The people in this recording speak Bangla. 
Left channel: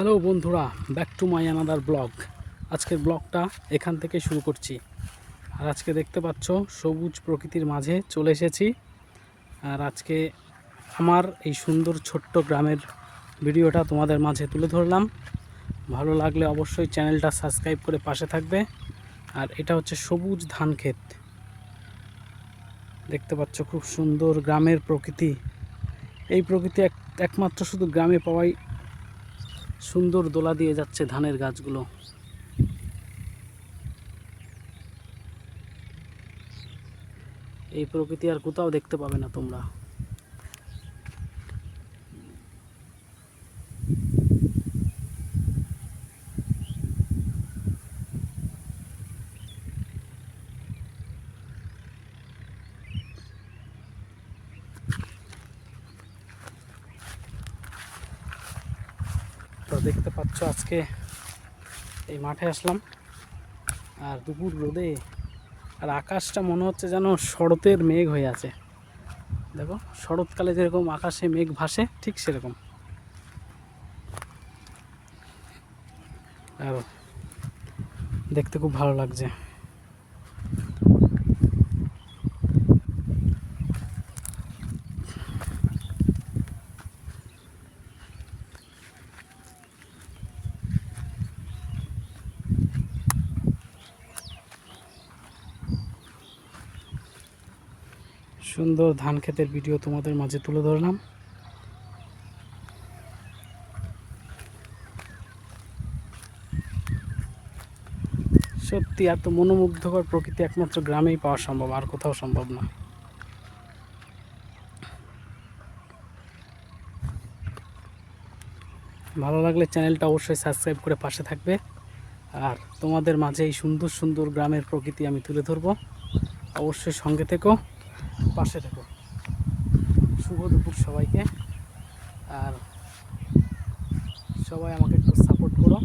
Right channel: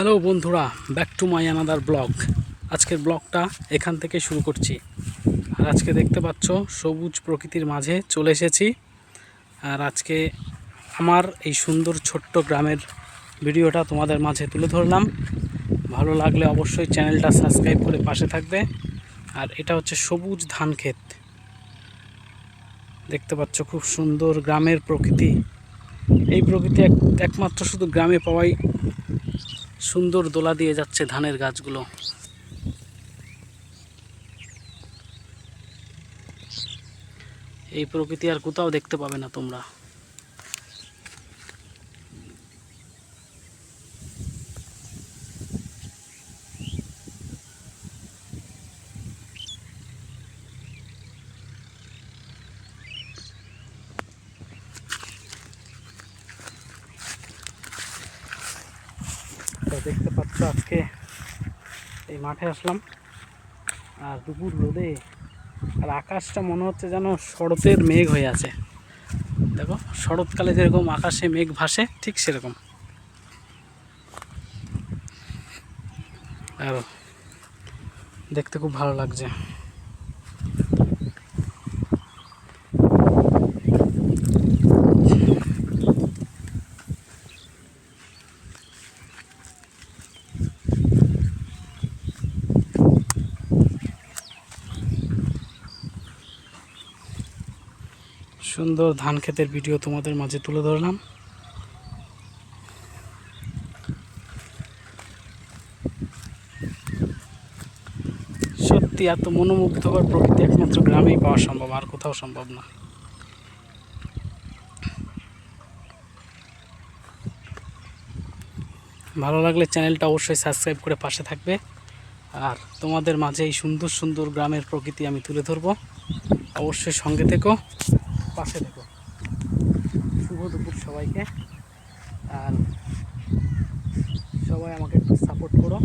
হ্যালো বন্ধুরা, back to my another blog. আজকের ব্লগটা এখান থেকে শুরু করছি। আর আজকে দেখতে পাচ্ছ সবুজ প্রকৃতির মাঝে চলে এসেছি। আর আজকে আমার এই সুন্দর ছোট্ট গ্রামের ভিডিওটা তোমাদের মাঝে তুলে ধরলাম। ভালো লাগলে অবশ্যই চ্যানেলটা সাবস্ক্রাইব করে পাশে থাকবে। আর এটা হচ্ছে সবুজ ধান ক্ষেত। দেখতে পাচ্ছ খুব সুন্দর গ্রামের প্রকৃতি। এই প্রকৃতি একমাত্র শুধু গ্রামে পাওয়াই সুন্দর দোলা দিয়ে যাচ্ছে ধানের গাছগুলো। এই প্রকৃতি আর কোথাও দেখতে পাবে না তোমরা। তো দেখতে পাচ্ছ আজকে এই মাঠে আসলাম, আর দুপুর রোদে, আর আকাশটা মনে হচ্ছে যেন শরতের মেঘ হয়ে আছে। দেখো, শরৎকালে যেরকম আকাশে মেঘ ভাসে ঠিক সেরকম। আর দেখতে খুব ভালো লাগছে। সুন্দর ধান ক্ষেতের ভিডিও তোমাদের মাঝে তুলে ধরলাম। সত্যি এত মনোমুগ্ধকর প্রকৃতি একমাত্র গ্রামেই পাওয়া সম্ভব, আর কোথাও সম্ভব না। ভালো লাগলে চ্যানেলটা অবশ্যই সাবস্ক্রাইব করে পাশে থাকবে। আর তোমাদের মাঝে এই সুন্দর সুন্দর গ্রামের প্রকৃতি আমি তুলে ধরবো। অবশ্যই সঙ্গে থেকো, পাশে থেকো। শুভ দুপুর সবাইকে। আর সবাই আমাকে একটু সাপোর্ট করো।